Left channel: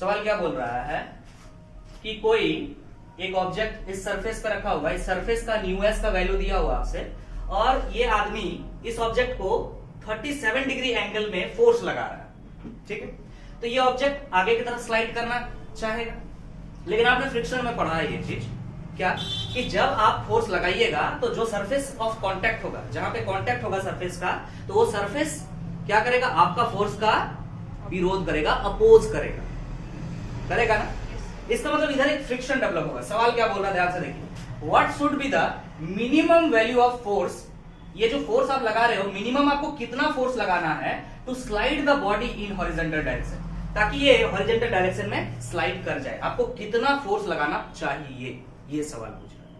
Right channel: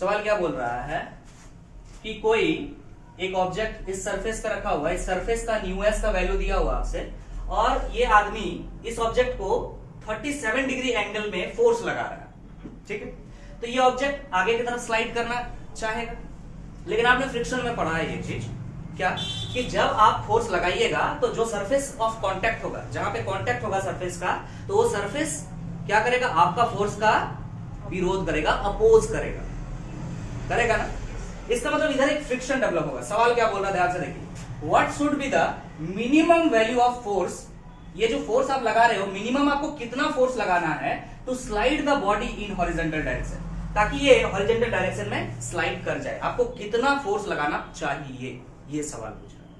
सवाल क्या बोल रहा है कि कोई एक ऑब्जेक्ट इस सरफेस पे रखा हुआ है, इस सरफेस का न्यू एस का वैल्यू दिया हुआ आपसे, और ये आदमी इस ऑब्जेक्ट को 37 डिग्री एंगल में फोर्स लगा रहा है, ठीक है। तो ये ऑब्जेक्ट आगे की तरफ स्लाइड करना चाहेगा, लेकिन आपने फ्रिक्शन में पढ़ा है ये चीज क्या, कि जब आप फोर्स लगाइएगा तो जो सरफेस ऑफ कांटेक्ट होगा, जहां पे कांटेक्ट होगा सरफेस का, तो वो सरफेस क्या करेगा, आपका फोर्स का विरोध करेगा, अपोज करेगा ना। इसका मतलब इधर एक फ्रिक्शन डेवलप होगा। सवाल क्या बोल रहा है, ध्यान से देखिए, what should be the minimum value of force, ये जो फोर्स आप लगा रहे हो, मिनिमम आपको कितना फोर्स लगाना है to slide the body in horizontal direction, ताकि ये हॉरिजॉन्टल डायरेक्शन में स्लाइड कर जाए। आपको कितना फोर्स लगाना चाहिए, ये सवाल पूछ रहा है।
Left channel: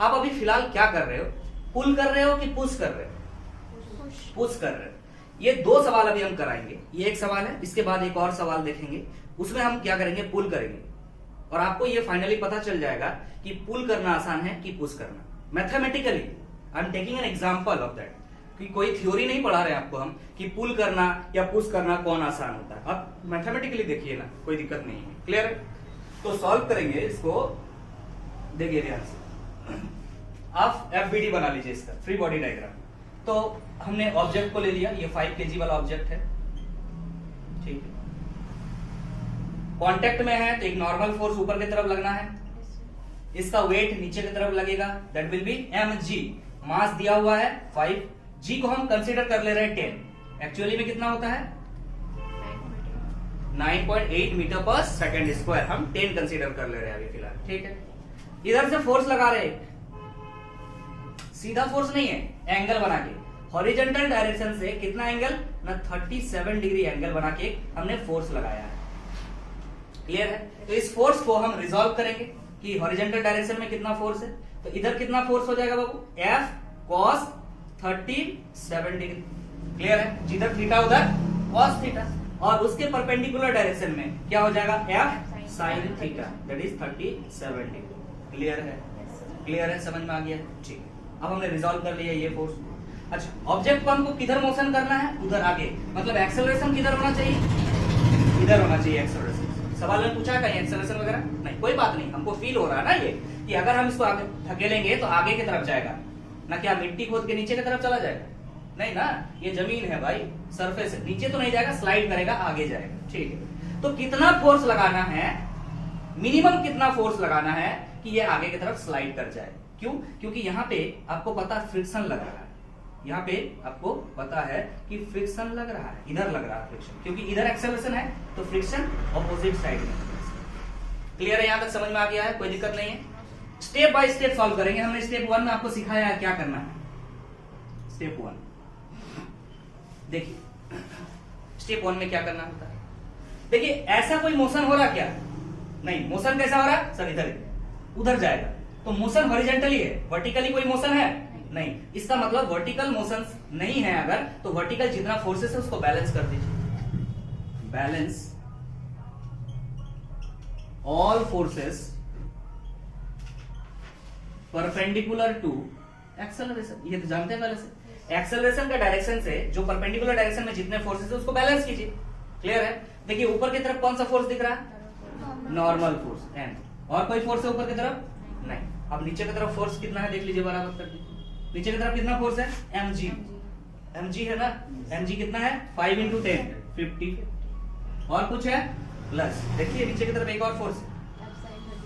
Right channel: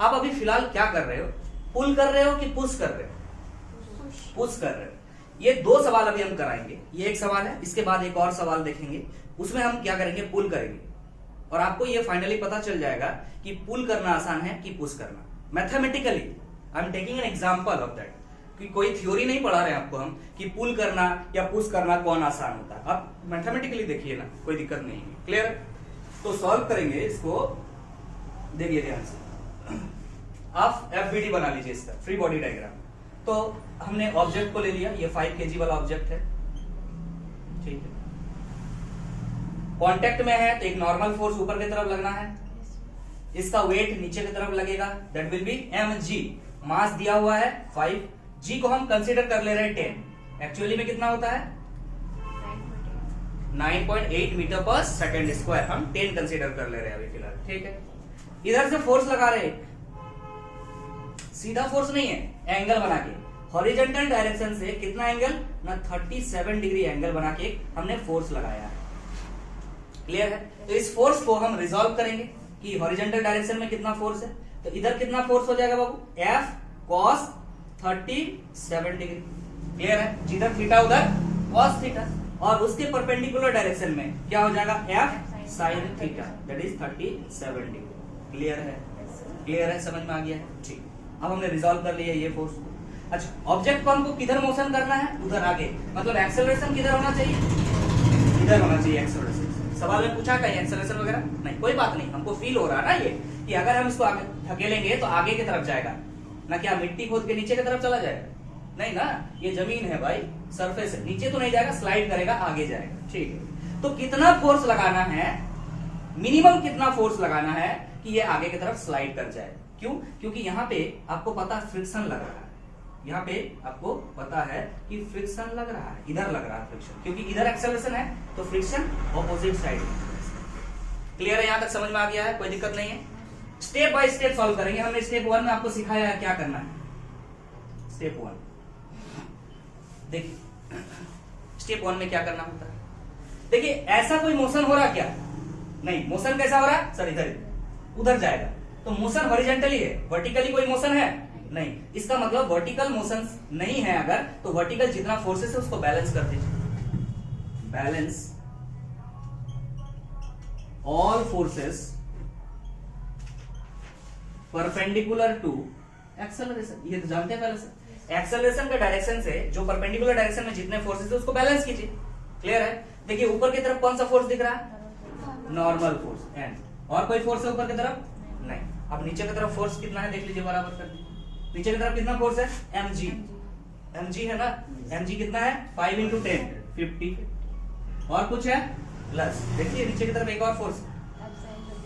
आप अभी फिलहाल क्या कर रहे हो, पुल कर रहे हो कि पुश कर रहे हो? पुश कर रहे हो। ये दो सवाल अभी हम कराएंगे, ये एक सवाल है, इसके बाद एक और सवाल देखेंगे, उसमें हम क्या करेंगे, पुल करेंगे, और आपको ये फाइनली पता चल जाएगा कि पुल करना आसान है कि पुश करना। Mathematically I am taking an example of that, कि कोई थ्योरी नहीं पढ़ा रहे हैं आपको हम कि पुल करना या पुश करना कौन आसान होता है। आप मैथमेटिकली देखिए ना, कोई दिक्कत नहीं है। क्लियर है? तो सॉल्व करेंगे इसको, देखिए ध्यान से। आप एफबीडी बना लीजिए इसका, फ्री बॉडी डायग्राम। तो हमने ऑब्जेक्ट को ले लिया, ये 5 kg वाला ऑब्जेक्ट है, ठीक है। कांटेक्ट में है तो एक नॉर्मल फोर्स ऊपर की तरफ लगना है, इसका वेट नीचे की तरफ लगेगा, दैट विल बी mg। मास दिया हुआ है 5, g को हम कंसीडर कर ले रहे हैं 10, एक्चुअली में कितना होता है 9.8 मीटर पर सेकेंड स्क्वायर, हम 10 कंसीडर कर ले रहे हैं अभी फिलहाल, ठीक है। इधर से फोर्स लगा रहे, सीधा फोर्स नहीं है, एंगल बना के हॉरिजॉन्टल डायरेक्शन से कितना एंगल ना 37 डिग्री एंगल बना के हमने फोर्स लगाया है। क्लियर है? तो इस फोर्स को हम रिजॉल्व करेंगे कि हॉरिजॉन्टल डायरेक्शन में कितना फोर्स है, तो इधर कितना फोर्स हो जाएगा बाबू, F cos 37 डिग्री। क्लियर है? जिधर थीटा उधर cos थीटा, और उसके परपेंडिकुलर डायरेक्शन में क्या हो जाएगा, F sin theta, that is 37 degree. Clear है? क्लियर है? समझ में आ गया है? ठीक। अब हमने रिजॉल्व कर लिया ये फोर्स। अच्छा, ऑब्जेक्ट को हमको किधर मोशन करना है, उधर आगे, मतलब एक्सेलरेशन किधर होना चाहिए, इधर होना चाहिए एक्सेलरेशन। सवाल में पूछा कहीं एक्सेलरेशन वगैरह नहीं, कोई बात नहीं, हमको फील हो रहा है ना ये कि अगर हम इसको आगे धकेलेंगे तो आगे की तरफ जाएगा ना, क्या मिट्टी खोद के नीचे की तरफ चला जाएगा, नहीं ना, ये जमीन है भाई, सरफेस है, नीचे तो नहीं जाएगा, स्लाइड करेगा, आगे जाएगा, ठीक है। तो कितना फोर्स लगाना है, मिनिमम कितना फोर्स लगाना है कि ये आगे की तरफ स्लाइड कर जाए। क्यों? क्योंकि यहाँ पे आपको पता है फ्रिक्शन लग रहा है, यहाँ पे आपको पता है कि फ्रिक्शन लग रहा है, इधर लग रहा है फ्रिक्शन, क्योंकि इधर एक्सेलरेशन है तो फ्रिक्शन ऑपोजिट साइड में। क्लियर है? यहां तक समझ में आ गया है? कोई दिक्कत नहीं है। स्टेप बाय स्टेप सॉल्व करेंगे। हमने स्टेप 1 में आपको सिखाया है क्या करना है। स्टेप 1 देखिए, स्टेप 1 में क्या करना होता है, देखिए ऐसा कोई मोशन हो रहा क्या, नहीं, मोशन कैसा हो रहा है सर, इधर उधर जाएगा, तो मोशन हॉरिजॉन्टली है, वर्टिकली कोई मोशन है नहीं, इसका मतलब वर्टिकल मोशन नहीं है अगर, तो वर्टिकल जितना फोर्सेस है उसको बैलेंस कर दीजिए, balance all forces perpendicular to acceleration. ये तो जानते हैं पहले से, एक्सेलरेशन के डायरेक्शन से जो परपेंडिकुलर डायरेक्शन में जितने फोर्सेस है उसको बैलेंस कीजिए। क्लियर है? देखिए ऊपर की तरफ कौन सा फोर्स दिख रहा है, नॉर्मल फोर्स एन, और कोई फोर्स है ऊपर की तरफ नहीं। अब नीचे की तरफ फोर्स कितना है देख लीजिए, बराबर कर दीजिए। नीचे की तरफ कितना फोर्स है, mg, mg है ना, mg कितना है 5 into 10 50, और कुछ है प्लस, देखिए नीचे की तरफ एक और force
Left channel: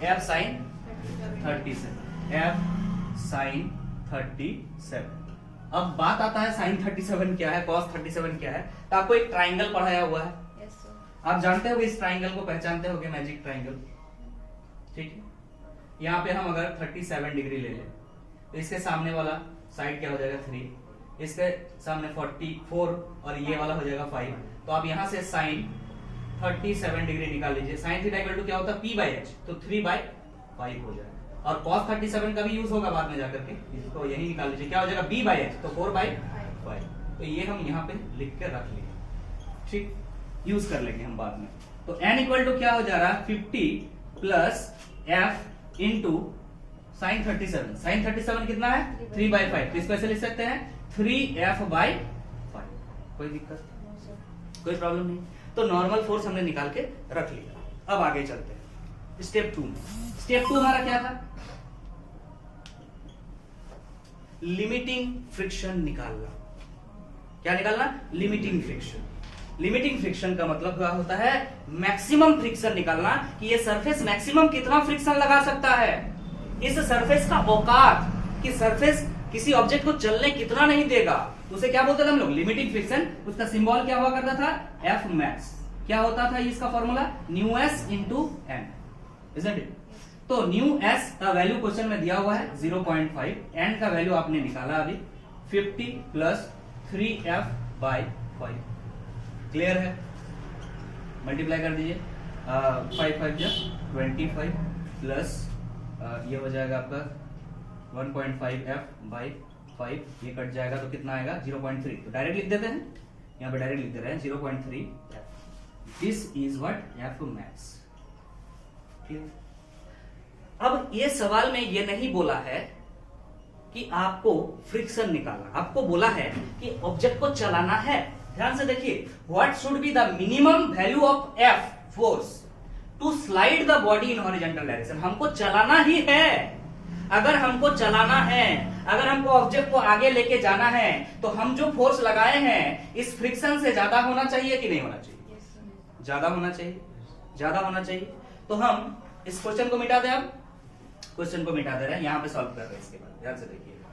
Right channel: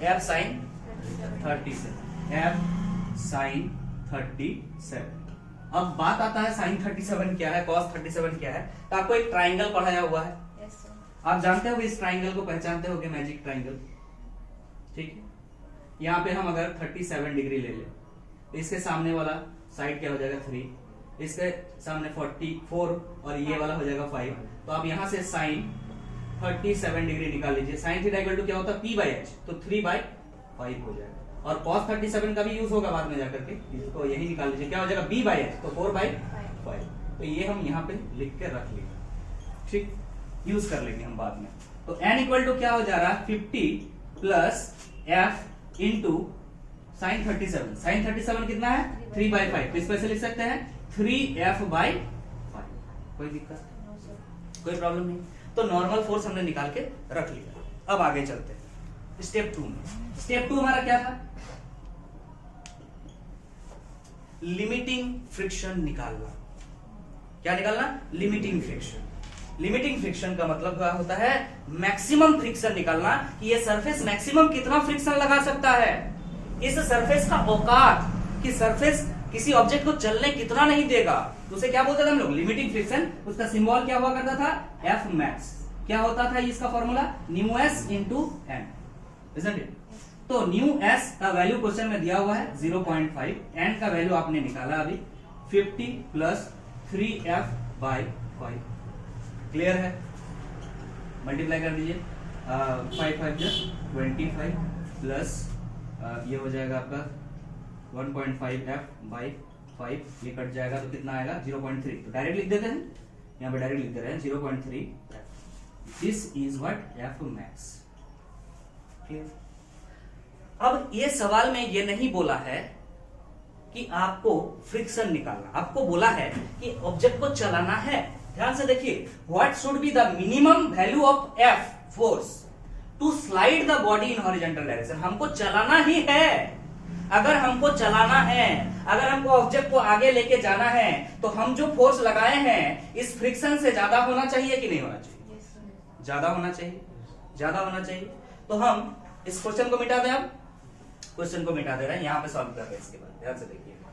F sin 37, F sin 37। अब बात आता है sin 37 क्या है, cos 37 क्या है। तो आपको एक ट्राइंगल पढ़ाया हुआ है, आप जानते हो इस ट्राइंगल को, पहचानते हो मैजिक ट्राइंगल, ठीक है। यहाँ पे हम अगर 37 डिग्री ले ले, इसके सामने वाला साइड क्या हो जाएगा 3, इसके सामने 44 और ये वाला हो जाएगा 5, तो आप यहां से साइन 37 डिग्री निकाल लीजिए। साइन थीटा इक्वल टू क्या होता है p/h, तो 3/5 हो जाएगा, और cos 37 का भी यूज होगा बाद में जाकर के, इसको यही निकाल लीजिए, क्या हो जाएगा b/h, तो 4/5। तो ये हम यहाँ पे लिख के रख लिए, ठीक, यूज कर लेंगे हम बाद में। तो n इक्वल टू क्या हो जा रहा है 50 plus f into sine 37, sine 37 कितना है 3/5, तो इसको ऐसे लिख सकते हैं 3f/5। कोई दिक्कत, कोई प्रॉब्लम नहीं। तो नॉर्मल फोर्स हमने निकाल के रख लिया। अब आगे चलते हैं स्टेप 2 में। स्टेप 2 हमारा क्या था? लिमिटिंग फ्रिक्शन निकालना। क्या निकालना? Limiting friction. लिमिटिंग फ्रिक्शन का मतलब क्या होता है? मैक्सिमम फ्रिक्शन निकालना कि ये सरफेस मैक्सिमम कितना फ्रिक्शन लगा सकता है, इस सरफेस का औकात कि सरफेस किसी ऑब्जेक्ट को चलने कितना नहीं देगा, तो उसे क्या बोलते थे हम लोग? Limiting friction. उसका सिंबल क्या हुआ करता था? F max. क्या होता था इसका formula? Mu s into N, isn't it? तो न्यू एस का वैल्यू क्वेश्चन में दिया हुआ है 0.5, एन का वैल्यू आपने निकाला अभी 50 प्लस 3f बाई 5। क्लियर है? मल्टीप्लाई कर दीजिए, 5 5 25 प्लस ये हो जाएगा आपका 1.5f बाई 5, ये कट जाएगा तो कितना आएगा? 0.3। तो डायरेक्ट लिख देते हैं, यहाँ पे डायरेक्ट लिख दे रहे हैं 0.3f। This is what F max. Clear? अब ये सवाल में ये नहीं बोला है कि आपको फ्रिक्शन निकालना, आपको बोला है कि ऑब्जेक्ट को चलाना है। ध्यान से देखिए, what should be the minimum value of F force to slide the body in horizontal direction. हमको चलाना ही है। अगर हमको चलाना है, अगर हमको ऑब्जेक्ट को आगे लेके जाना है, तो हम जो फोर्स लगाए हैं इस फ्रिक्शन से ज्यादा होना चाहिए कि नहीं होना चाहिए? ज्यादा होना चाहिए, ज्यादा होना चाहिए। तो हम इस क्वेश्चन को मिटा दें। अब क्वेश्चन को मिटा दे रहे हैं, यहां पे सॉल्व कर रहे हैं। इसके बाद ध्यान से देखिएगा,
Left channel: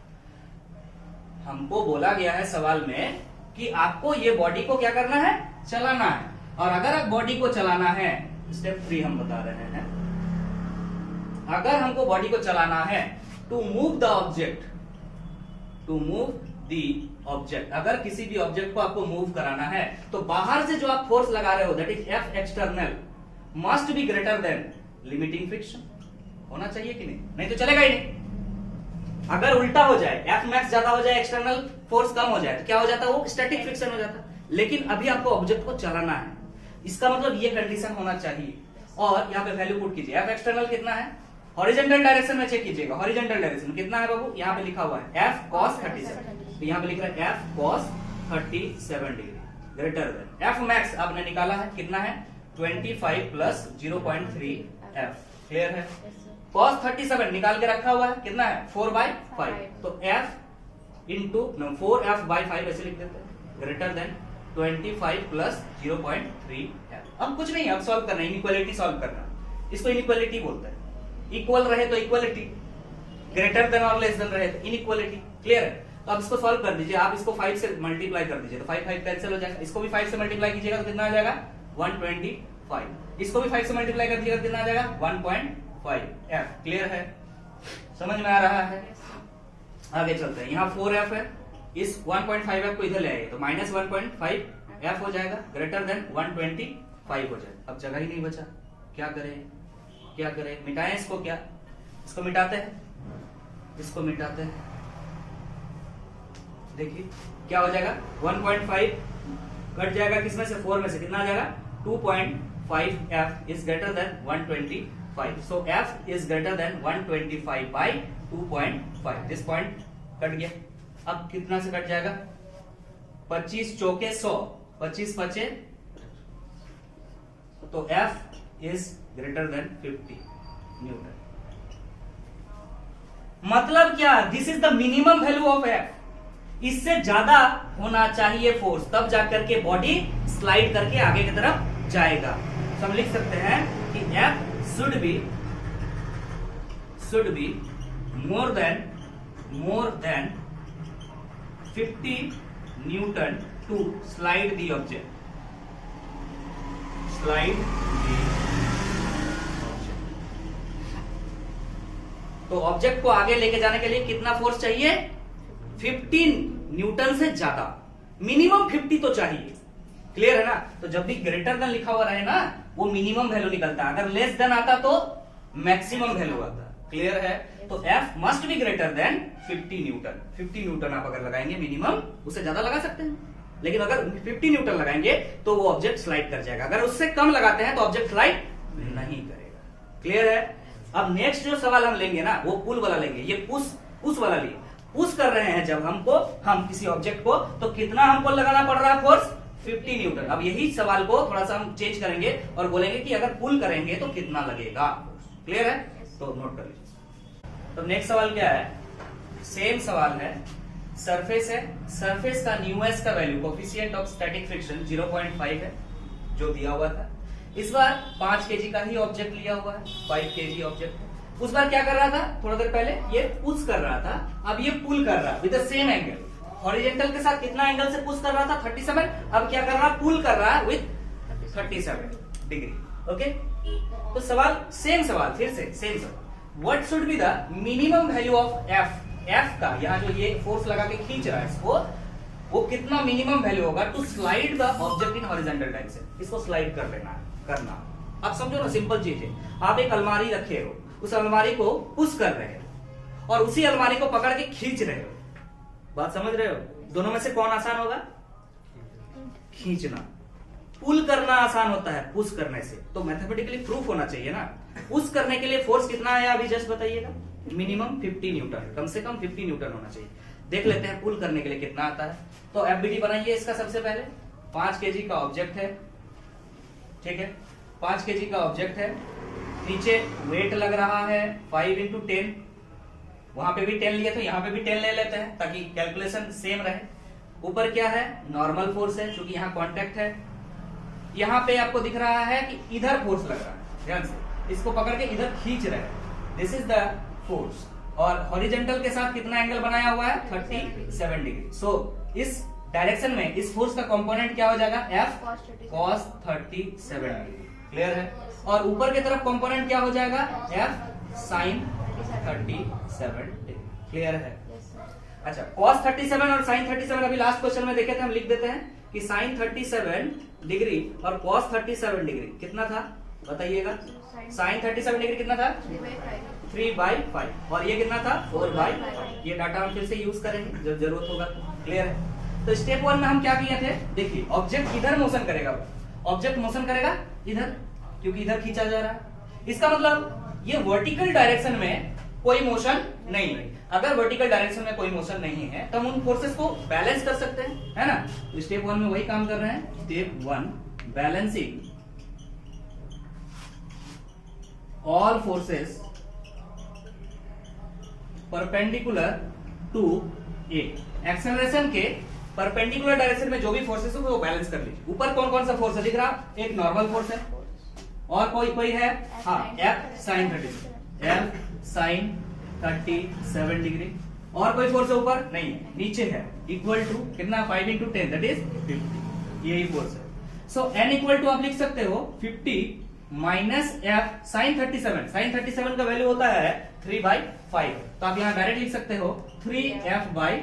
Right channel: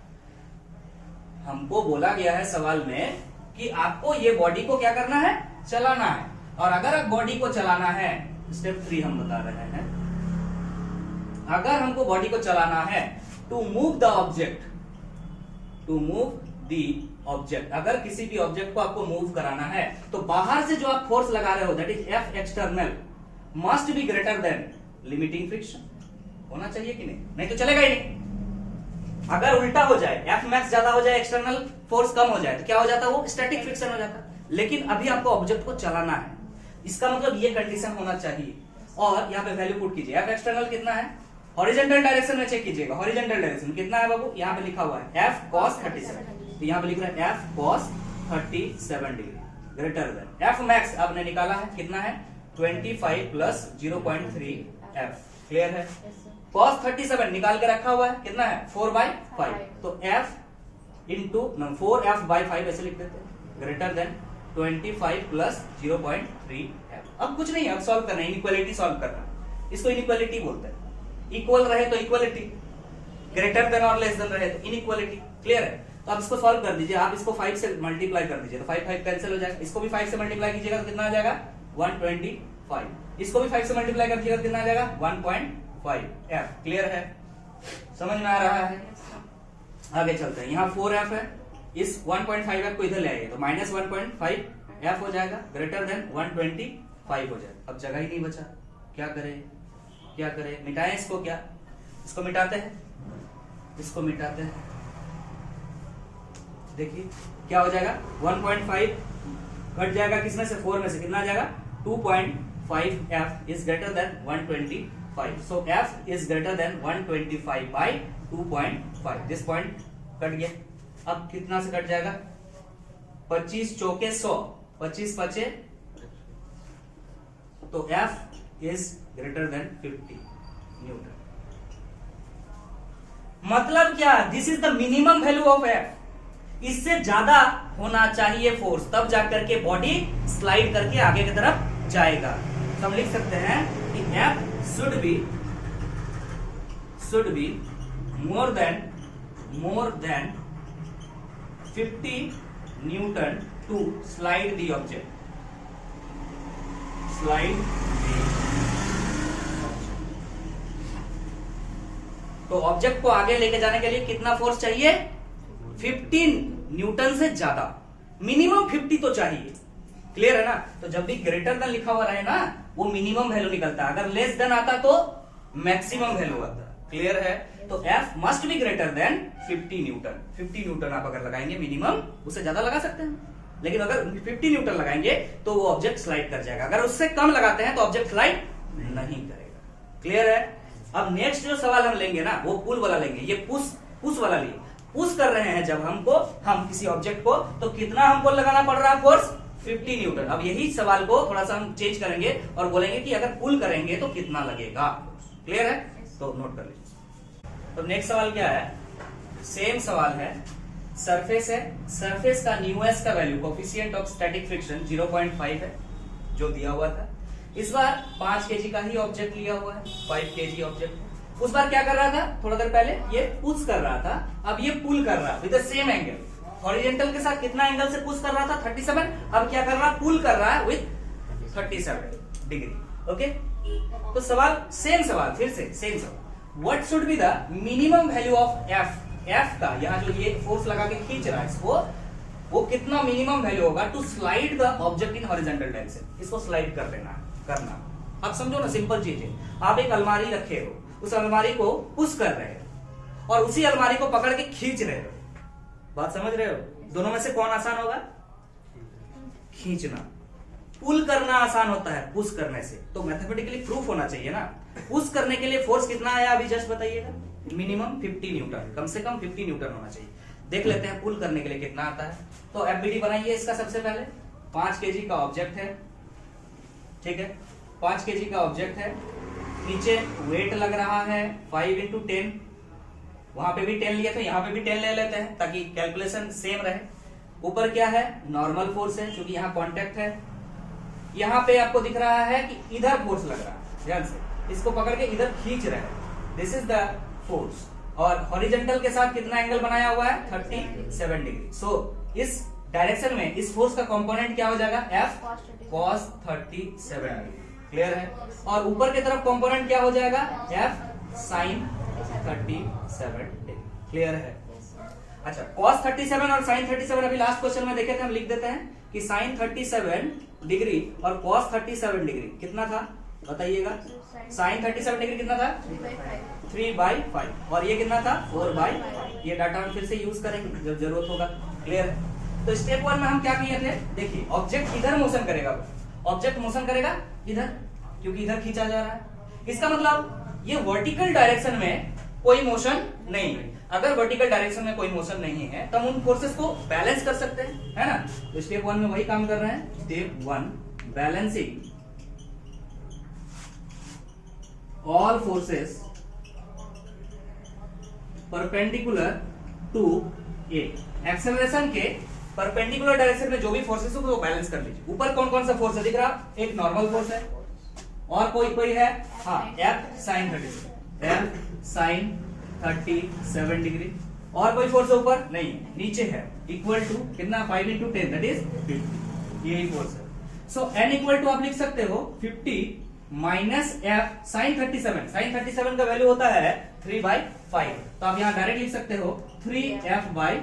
हमको बोला गया है सवाल में कि आपको ये बॉडी को क्या करना है? चलाना है। और अगर आप बॉडी को चलाना है, स्टेप 3 हम बता रहे हैं, अगर हमको बॉडी को चलाना है to move the object, to move the object, अगर किसी भी ऑब्जेक्ट को आपको मूव कराना है तो बाहर से जो आप फोर्स लगा रहे हो that is F external must be greater than limiting friction. होना चाहिए कि नहीं? नहीं तो चलेगा ही नहीं। अगर उल्टा हो जाए, एफ मैक्स ज्यादा हो जाए, एक्सटर्नल फोर्स कम हो जाए, तो क्या हो जाता है? वो स्टैटिक फ्रिक्शन हो जाता है। लेकिन अभी आपको ऑब्जेक्ट को चलाना है, इसका मतलब ये कंडीशन होना चाहिए। और यहाँ पे वैल्यू पुट कीजिए, एफ एक्सटर्नल कितना है? हॉरिजॉन्टल डायरेक्शन में चेक कीजिएगा, हॉरिजॉन्टल डायरेक्शन कितना है बाबू? यहाँ पे लिखा हुआ है एफ कॉस 37। तो यहाँ पे लिख रहा है F cos 37 degree greater than F max. आपने निकाला है कितना है? 25 प्लस 0.3 एफ। क्लियर है? cos 37 निकाल के रखा हुआ है, कितना है? 4/5। तो f इंटू 4f बाई 5 ऐसे लिख देते हैं, ग्रेटर देन 25 प्लस 0.3 f। अब कुछ नहीं, अब सॉल्व करना है, इनइक्वालिटी सॉल्व करना। इसको इनइक्वालिटी बोलते हैं। इक्वल रहे तो इक्वालिटी, ग्रेटर देन और लेस देन रहे तो इनइक्वालिटी। क्लियर है? तो आप इसको सॉल्व कर दीजिए। आप इसको 5 से मल्टीप्लाई कर दीजिए तो 5 5 कैंसिल हो जाएगा। इसको भी 5 से मल्टीप्लाई कीजिएगा तो कितना आ जाएगा? 125। इसको भी 5 से मल्टीप्लाई कर दीजिएगा कितना आ जाएगा? 1.5f। क्लियर है? समझ में आ रहा है? आगे चलते हैं। यहाँ 4f है, इस 1.5f को इधर ले आइए तो माइनस 1.5f हो जाएगा, ग्रेटर देन 125 हो जाएगा। अब जगह ही नहीं बचा, क्या करें? क्या करें? मिटाएं इसको। क्या इसको मिटाते हैं, इसको मिटाते हैं। देखिए क्या हो जाएगा? 1.5 कट जाएगा किसमें से? 4 में से। कितना आ जाएगा? 2.5f is greater than 125। So f is greater than 125 by 2.5। This point cut गया। अब कितना से कट जाएगा? 25 चौके 100, 25 5 तो f is greater than 50 Newton. मतलब क्या? This is the minimum value of f। इससे ज्यादा होना चाहिए फोर्स, तब जाकर के बॉडी स्लाइड करके आगे की तरफ जाएगा। तो हम लिख सकते हैं कि f should be more than 50 Newton to slide the object. तो ऑब्जेक्ट को आगे लेके जाने के लिए कितना फोर्स चाहिए? 15 न्यूटन से ज्यादा, मिनिमम 50 तो चाहिए। क्लियर है ना? तो जब भी ग्रेटर देन लिखा हुआ रहे ना, वो मिनिमम वैल्यू निकलता है। अगर लेस देन आता तो मैक्सिमम वैल्यू आता है। क्लियर है? तो F must be greater than 50 Newton. 50 Newton आप अगर लगाएंगे मिनिमम, उससे ज्यादा लगा सकते हैं, लेकिन अगर 50 न्यूटन लगाएंगे तो वो ऑब्जेक्ट स्लाइड कर जाएगा। अगर उससे कम लगाते हैं तो ऑब्जेक्ट स्लाइड नहीं करेगा। क्लियर है? अब नेक्स्ट जो सवाल हम लेंगे ना, वो पुल वाला लेंगे। ये पुश वाला लिए, पुश कर रहे हैं जब हम किसी ऑब्जेक्ट को, तो कितना हमको लगाना पड़ रहा है फोर्स? 50 न्यूटन। अब यही सवाल को थोड़ा सा हम चेंज करेंगे और बोलेंगे कि अगर पुल करेंगे तो कितना लगेगा। क्लियर है? तो नोट कर लीजिए। तो नेक्स्ट सवाल क्या है, सेम सवाल है, सरफेस है, सरफेस का न्यूएस का value coefficient of static friction 0.5 है जो दिया हुआ था। इस बार 5 केजी का ही ऑब्जेक्ट लिया हुआ है, 5 केजी ऑब्जेक्ट। उस बार क्या कर रहा था, थोड़ा देर पहले ये पुश कर रहा था, अब ये पुल कर रहा है with the same angle. Horizontal के साथ कितना एंगल से पुश कर रहा था, 37। अब क्या कर रहा है, पुल कर रहा है विद 37 डिग्री। ओके, तो सवाल सेम सवाल, फिर से सेम सवाल, what should be the minimum value of F. F का यहाँ जो ये फोर्स लगा के खींच रहा है इसको, वो कितना मिनिमम वैल्यू होगा to slide the object in horizontal direction. इसको स्लाइड कर देना करना, आप समझो ना, सिंपल चीज है। आप एक अलमारी रखे हो, उस अलमारी को पुश कर रहे हो और उसी अलमारी को पकड़ के खींच रहे हो। बात समझ रहे हो? दोनों में से कौन आसान होगा? खींचना। पुल करना आसान होता है पुश करने से, तो मैथमेटिकली प्रूफ होना चाहिए ना। पुश करने के लिए फोर्स कितना आया अभी जस्ट बताइएगा? मिनिमम 50 न्यूटन, कम से कम 50 न्यूटन होना चाहिए। देख लेते हैं पुल करने के लिए कितना आता है। तो एफबीडी बनाइए इसका। सबसे पहले 5 केजी का ऑब्जेक्ट है, ठीक है, 5 केजी का ऑब्जेक्ट है, नीचे वेट लग रहा है 5 × 10, वहां पे भी 10 लिया तो यहाँ पे भी 10 ले लेते हैं ताकि कैलकुलेशन सेम रहे। ऊपर क्या है, नॉर्मल फोर्स है, क्योंकि यहाँ कॉन्टेक्ट है। यहाँ पे आपको दिख रहा है कि इधर फोर्स लग रहा है, ध्यान से इसको पकड़ के इधर खींच रहे हैं, दिस इज द फोर्स। और हॉरिजॉन्टल के साथ कितना एंगल बनाया हुआ है, 37 डिग्री। सो इस डायरेक्शन में इस फोर्स का कंपोनेंट क्या हो जाएगा, एफ cos 37 डिग्री। क्लियर है? और ऊपर की तरफ कंपोनेंट क्या हो जाएगा, एफ sin 37 डिग्री। क्लियर है? अच्छा, cos 37 और sin 37 अभी लास्ट क्वेश्चन में देखे थे, हम लिख देते हैं कि sin 37 डिग्री और cos 37 डिग्री कितना था बताइएगा। sin 37 डिग्री कितना था, 3/5, और ये कितना था, 4/5। ये डाटा हम फिर से यूज करेंगे जब जरूरत होगा। क्लियर है? तो स्टेप 1 में हम क्या किए थे, देखिए ऑब्जेक्ट इधर मोशन करेगा, ऑब्जेक्ट मोशन करेगा इधर, क्योंकि इधर खींचा जा रहा है। इसका मतलब ये वर्टिकल डायरेक्शन में कोई मोशन नहीं है। अगर वर्टिकल डायरेक्शन में कोई मोशन नहीं है तो हम उन फोर्सेस को बैलेंस कर सकते हैं, है ना। तो स्टेप 1 में वही काम कर रहे हैं। Step 1, balancing all forces perpendicular to A. Acceleration के परपेंडिकुलर डायरेक्शन में जो भी फोर्सेस हो वो बैलेंस कर लीजिए। ऊपर कौन कौन सा फोर्स है दिख रहा, एक नॉर्मल फोर्स है और कोई है, हाँ, F sin 37 डिग्री। और कोई फोर्स है ऊपर नहीं है, नीचे है, इक्वल टू कितना, 5 × 10 दैट इज 50। यही फोर्स है। सो n इक्वल टू आप लिख सकते हो 50 माइनस एफ साइन 37। साइन 37 का वैल्यू होता है 3/5, तो आप यहाँ डायरेक्ट लिख सकते हो 3f/5।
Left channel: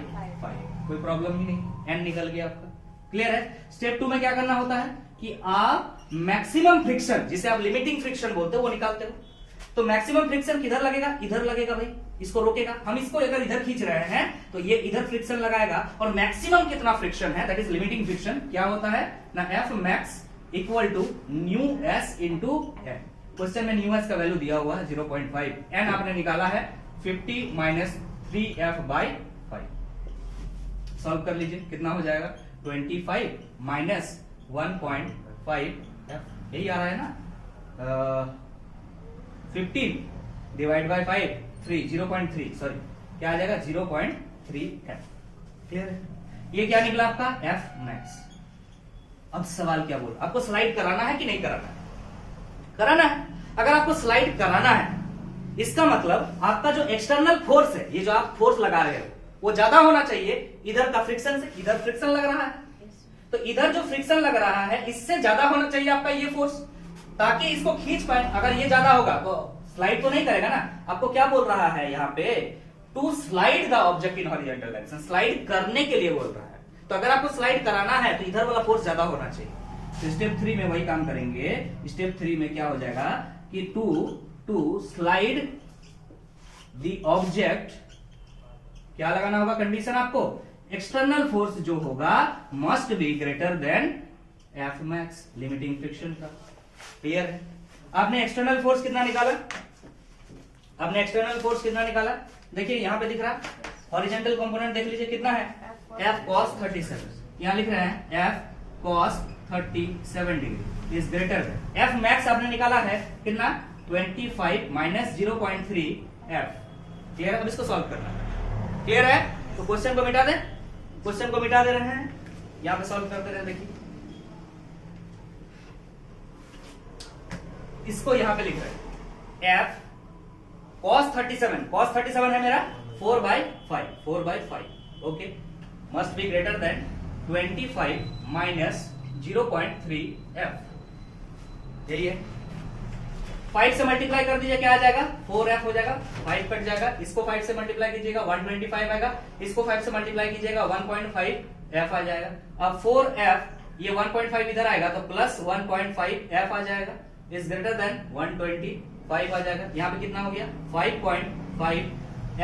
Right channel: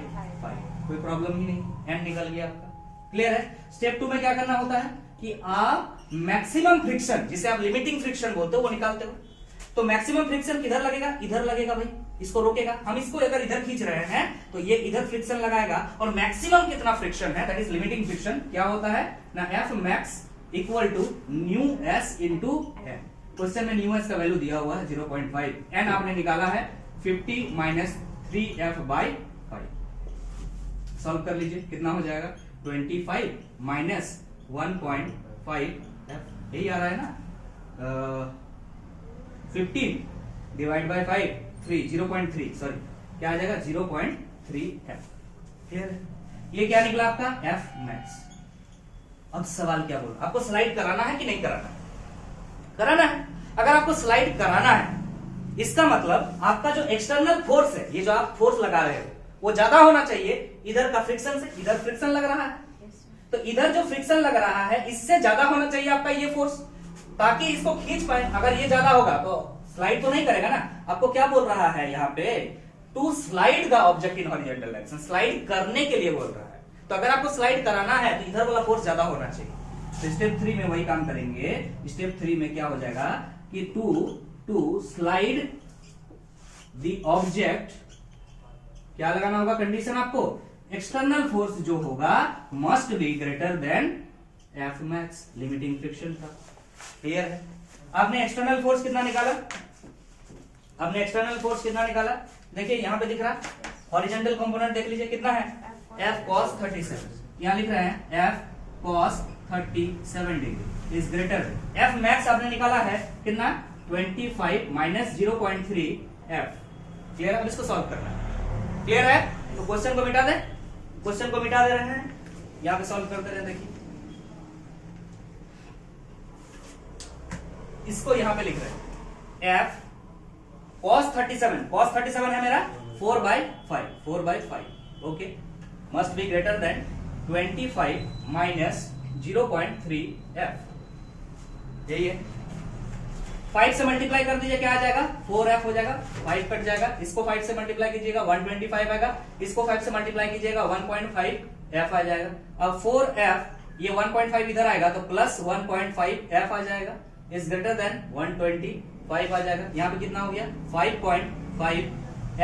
कोई प्रॉब्लम ही नहीं, n निकल गया आपका। क्लियर है? स्टेप 2 में क्या करना होता है कि आप मैक्सिमम फ्रिक्शन, जिसे आप लिमिटिंग फ्रिक्शन बोलते हो, वो निकालते हो। तो मैक्सिमम फ्रिक्शन किधर लगेगा, इधर लगेगा भाई, इसको रोकेगा। हम इसको अगर इधर खींच रहे हैं तो ये इधर फ्रिक्शन लगाएगा, और मैक्सिमम कितना फ्रिक्शन है, दैट इज लिमिटिंग फ्रिक्शन, क्या होता है ना, F max equal to mu s into N. Question में न्यू एस का वैल्यू दिया हुआ है 0.5, एन आपने निकाला है 50 माइनस 3f/5। सॉल्व कर लीजिए, कितना हो जाएगा, 25 माइनस 1.5, यही आ रहा है ना, 15 डिवाइड बाय 5, 0.3, सॉरी क्या आ जाएगा, 0.3f। क्लियर है? ये क्या निकला आपका, एफ मैक्स। अब सवाल क्या बोल रहा है, आपको स्लाइड कराना है कि नहीं कराना है? कराना है। अगर आपको स्लाइड कराना है, इसका मतलब आपका जो एक्सटर्नल फोर्स है, ये जो आप फोर्स लगा रहे हो, वो ज्यादा होना चाहिए इधर का फ्रिक्शन से। इधर फ्रिक्शन लग रहा है, तो इधर जो फ्रिक्शन लग रहा है इससे ज्यादा होना चाहिए आपका ये फोर्स, ताकि इसको खींच पाए। अगर ये ज्यादा होगा तो स्लाइड तो नहीं करेगा ना। आपको क्या बोल रहा है यहाँ पे, to slide the object in horizontal direction, slide करने के लिए बोल रहा है। तो अगर आपको स्लाइड कराना है तो इधर वाला फोर्स ज्यादा होना चाहिए। तो स्टेप 3 में वही काम करेंगे। स्टेप 3 में क्या हो जाएगा कि टू स्लाइड द ऑब्जेक्ट, क्या लगाना होगा कंडीशन आपको, एक्सटर्नल फोर्स जो होगा must be greater than F max, limiting friction का। क्लियर है? आपने एक्सटर्नल फोर्स कितना निकाला, आपने एक्सटर्नल फोर्स कितना निकाला, देखिए यहां पे दिख रहा हॉरिजॉन्टल कंपोनेंट, देख लीजिए कितना है, F cos 37। यहां लिख रहे हैं F cos 37 degree is greater than F max आपने निकाला है कितना 25 माइनस 0.3 एफ। क्लियर है? अब इसको सॉल्व करना है। क्लियर है? तो क्वेश्चन को मिटा दे, क्वेश्चन को मिटा दे रहे हैं, यहां पे सॉल्व करते रहे। देखिए इसको यहां पे लिख रहे हैं एफ cos 37 है मेरा 4/5 okay must be greater than 25 minus 0.3 F. यही है। 5 से मल्टीप्लाई कर दीजिए, क्या आ जाएगा 4f हो जाएगा, 5 कट जाएगा, इसको 5 से मल्टीप्लाई कीजिएगा 125 आएगा, इसको 5 से मल्टीप्लाई कीजिएगा 1.5 f आ जाएगा। अब 4f ये 1.5 इधर आएगा तो प्लस 1.5 f आ जाएगा इज ग्रेटर देन 125 आ जाएगा। यहाँ पे कितना हो गया 5.5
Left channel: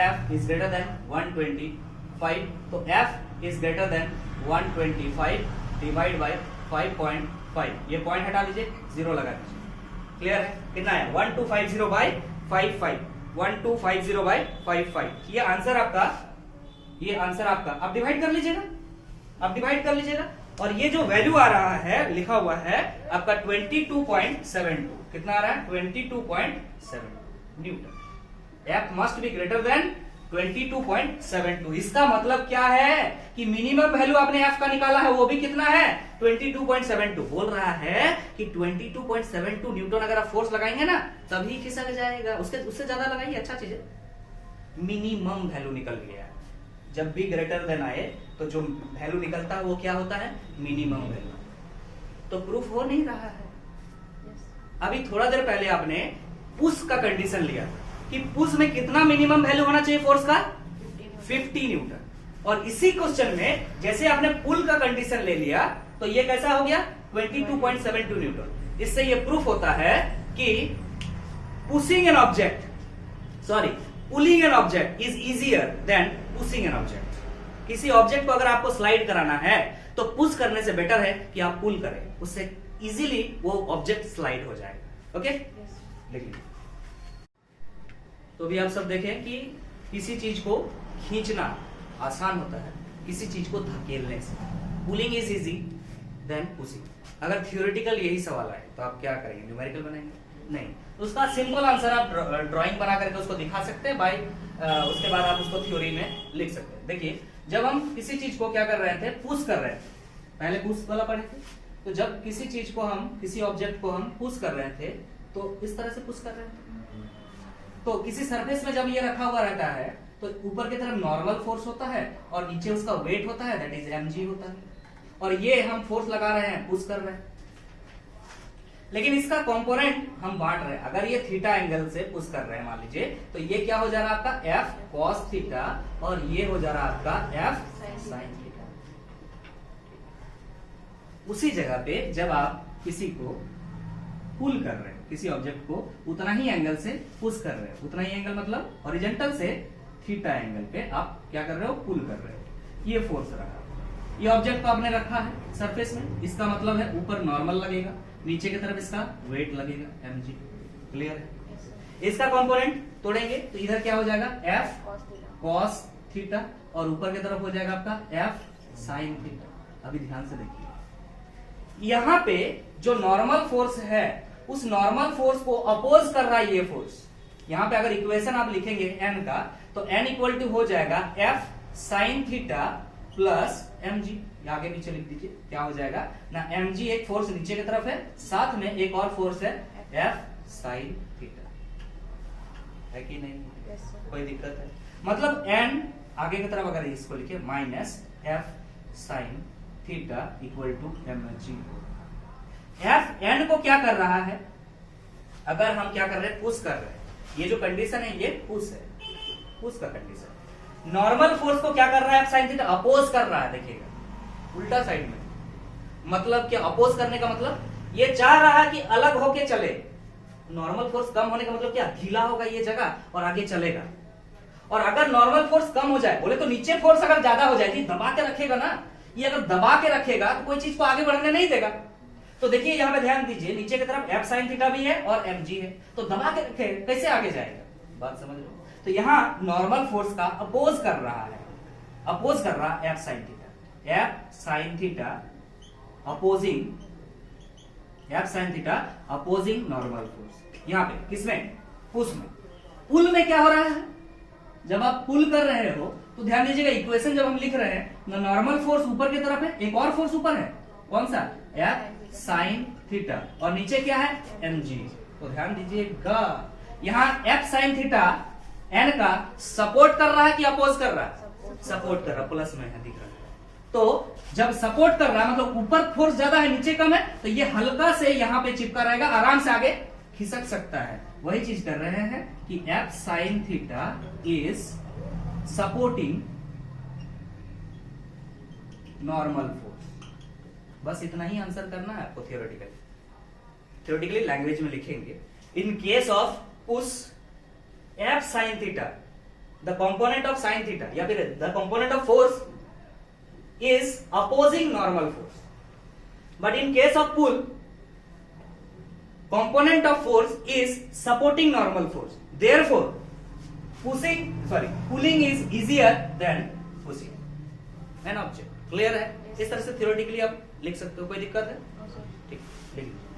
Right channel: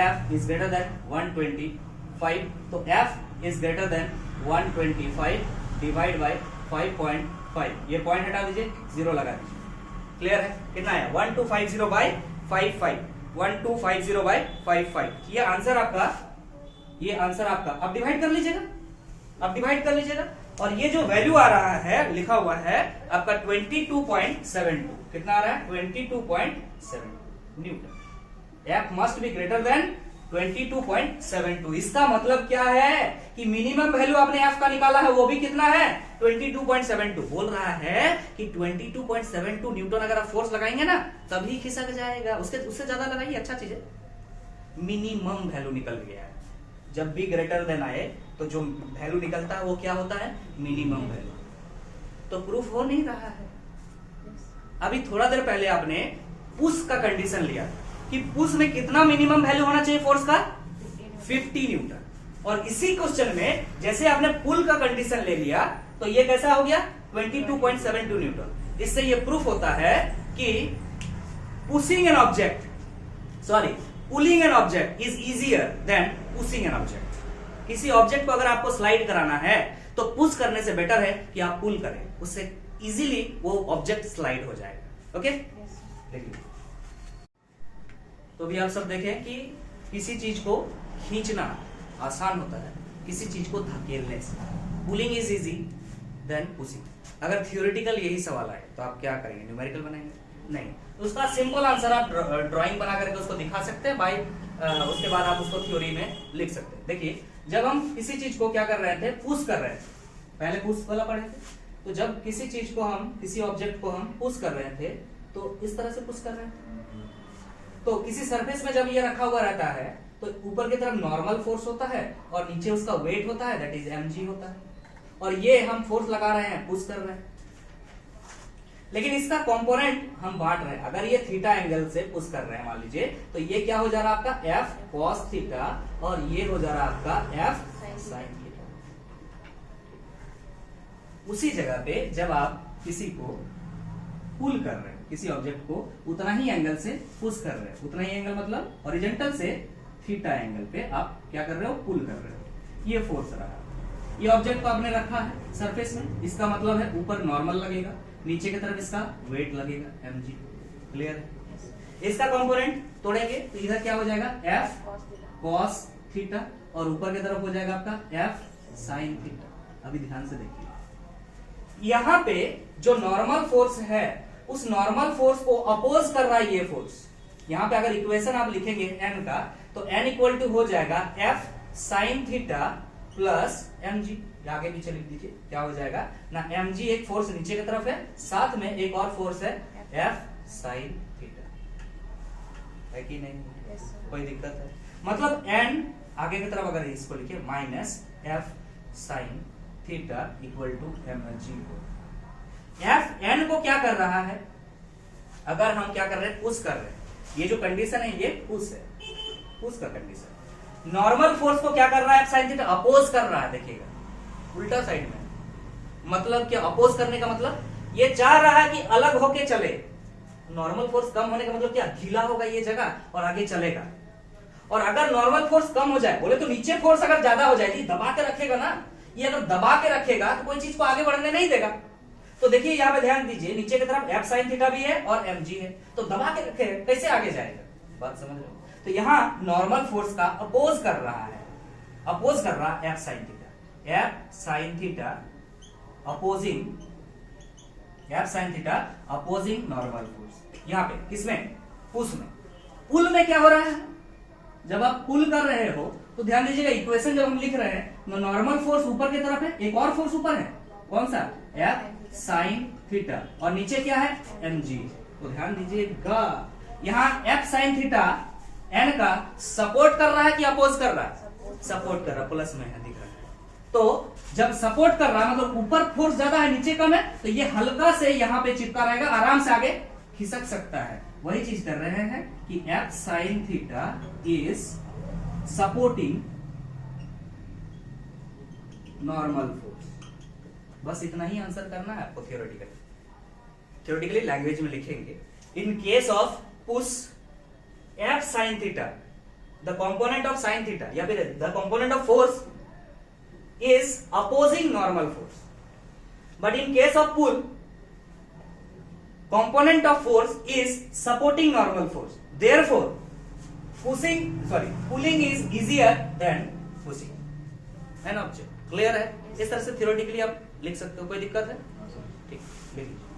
f इज ग्रेटर देन 125 तो f is greater than 125 divide by 5.5 ये पॉइंट हटा दीजिए, 0 लगा दीजिए। क्लियर है? कितना है 1250 बाय 55 1250 बाय 55 ये आंसर आपका अब डिवाइड कर लीजिएगा, और ये जो वैल्यू आ रहा है लिखा हुआ है आपका 22.72 कितना आ रहा है 22.7 Newton. F must be greater than 22.72। इसका मतलब क्या है कि मिनिमम वैल्यू आपने एफ का निकाला है वो भी कितना है 22.72। बोल रहा है कि 22.72 न्यूटन अगर आप फोर्स लगाएंगे ना तभी खिसक जाएगा, उससे ज्यादा लगाइए, अच्छा चीज है। मिनिमम वैल्यू निकल गया है। जब भी ग्रेटर देन आए तो जो वैल्यू निकलता है वो क्या होता है मिनिमम वैल्यू। तो प्रूफ हो नहीं रहा है। अभी थोड़ा देर पहले आपने पुश का कंडीशन लिया कि पुश में कितना मिनिमम वैल्यू होना चाहिए फोर्स का 50 न्यूटन, और इसी क्वेश्चन में जैसे आपने पुल का कंडीशन ले लिया तो ये कैसा हो गया 22.72 न्यूटन। इससे ये प्रूफ होता है कि pulling an object is easier than pushing an object. किसी ऑब्जेक्ट को अगर आपको स्लाइड कराना है तो पुश करने से बेटर है कि आप पुल करें, उससे इजीली वो ऑब्जेक्ट स्लाइड हो जाएगा। ओके देखिए तो भी आप सब देखें कि किसी चीज को खींचना आसान होता है किसी चीज को धकेलने से। Pulling is easy than pushing. अगर थियोरेटिकल यही सवाल आए तो आप क्या करेंगे न्यूमेरिकल बनाएंगे? नहीं, उसका सिंपल आंसर आप ड्राइंग बना करके उसको दिखा सकते हैं बाई उसके बाद आप उसको थ्योरी में लिख सकते हैं। देखिए जब हम किसी चीज को क्या कर रहे थे पुश कर रहे थे, पहले पुश वाला पढ़े थे, तो जब किसी चीज को हम किसी ऑब्जेक्ट को हम पुश कर रहे थे तो इस तरह से पुश कर रहे थे। तो किसी सरफेस में जब ये रखा हुआ रहता है तो ऊपर की तरफ नॉर्मल फोर्स होता है और नीचे उसका वेट होता है दैट इज mg होता है, और ये हम फोर्स लगा रहे हैं पुश कर रहे हैं। लेकिन इसका कंपोनेंट हम बांट रहे हैं। अगर ये थीटा एंगल से पुश कर रहे हैं मान लीजिए तो ये क्या हो जा रहा है आपका f cos थीटा और ये हो जा रहा है आपका f sin थीटा। उसी जगह पे जब आप किसी को पुल कर रहे हैं किसी ऑब्जेक्ट को उतना ही एंगल से पुश कर रहे हैं, उतना ही एंगल मतलब हॉरिजॉन्टल से थीटा एंगल पे आप क्या कर रहे हो पुल कर रहे हो। ये फोर्स रहा, ये ऑब्जेक्ट को आपने रखा है सरफेस में, इसका मतलब है ऊपर नॉर्मल लगेगा, नीचे की तरफ इसका वेट लगेगा mg। क्लियर है? इसका कंपोनेंट तोड़ेंगे तो इधर क्या हो जाएगा f cos थीटा और ऊपर की तरफ हो जाएगा आपका f sin थीटा। अभी ध्यान से देखिए यहां पे जो नॉर्मल फोर्स है उस नॉर्मल फोर्स को अपोज कर रहा है ये फोर्स। यहां पे अगर इक्वेशन आप लिखेंगे n का तो n इक्वल टू हो जाएगा f sin theta plus mg। आगे पीछे लिख दीजिए क्या हो जाएगा ना mg एक फोर्स नीचे की तरफ है, साथ में एक और फोर्स है f sin थीटा। है कि नहीं? कोई दिक्कत है? मतलब n आगे की तरफ अगर इसको लिखे minus f sin theta equal to mg। f n को क्या कर रहा है? अगर हम क्या कर रहे हैं पुश कर रहे हैं, ये जो कंडीशन है ये पुश है, पुश का कंडीशन। नॉर्मल फोर्स को क्या कर रहा है साइन थीटा अपोज कर रहा है। देखिएगा उल्टा साइड में, मतलब क्या अपोज करने का मतलब ये चाह रहा है कि अलग होके चले। नॉर्मल फोर्स कम होने का मतलब क्या ढीला होगा ये जगह और आगे चलेगा। और अगर नॉर्मल फोर्स कम हो जाए बोले तो नीचे फोर्स अगर ज्यादा हो जाएगी दबा के रखेगा ना, ये अगर दबा के रखेगा तो कोई चीज को आगे बढ़ने नहीं देगा। तो देखिए यहाँ पे ध्यान दीजिए नीचे की तरफ f sin थीटा भी है और mg है, तो दबा के रखेगा कैसे आगे जाएगा? बात समझ लो। तो यहाँ नॉर्मल फोर्स का अपोज कर रहा है, अपोज कर रहा है f sin theta. f sin theta opposing F sine theta opposing normal force. यहां पे किसमें, पुश में। पुल में क्या हो रहा है, जब आप पुल कर रहे हो तो ध्यान दीजिएगा इक्वेशन जब हम लिख रहे हैं नॉर्मल फोर्स ऊपर की तरफ है, एक और फोर्स ऊपर है, कौन सा, एफ साइन थीटा, और नीचे क्या है, mg। तो ध्यान दीजिएगा यहां एफ साइन थीटा एन का सपोर्ट कर रहा है कि अपोज कर रहा है, सपोर्ट कर रहा, प्लस में है दिख रहा है। तो जब सपोर्ट कर रहा है मतलब ऊपर फोर्स ज्यादा है नीचे कम है, तो ये हल्का से यहां पे चिपका रहेगा, आराम से आगे खिसक सकता है। वही चीज कर रहे हैं कि F sine theta is supporting normal force. बस इतना ही आंसर करना है आपको थियोरेटिकली लैंग्वेज में लिखेंगे। In case of push F sine theta the component of sine theta या फिर the component of force is opposing normal force, but in case of pull component of force is supporting normal force, therefore pulling is easier than pushing, है ना object. Clear है, इस तरह से theoretically आप लिख सकते हो, कोई दिक्कत है, ठीक, लिखिए।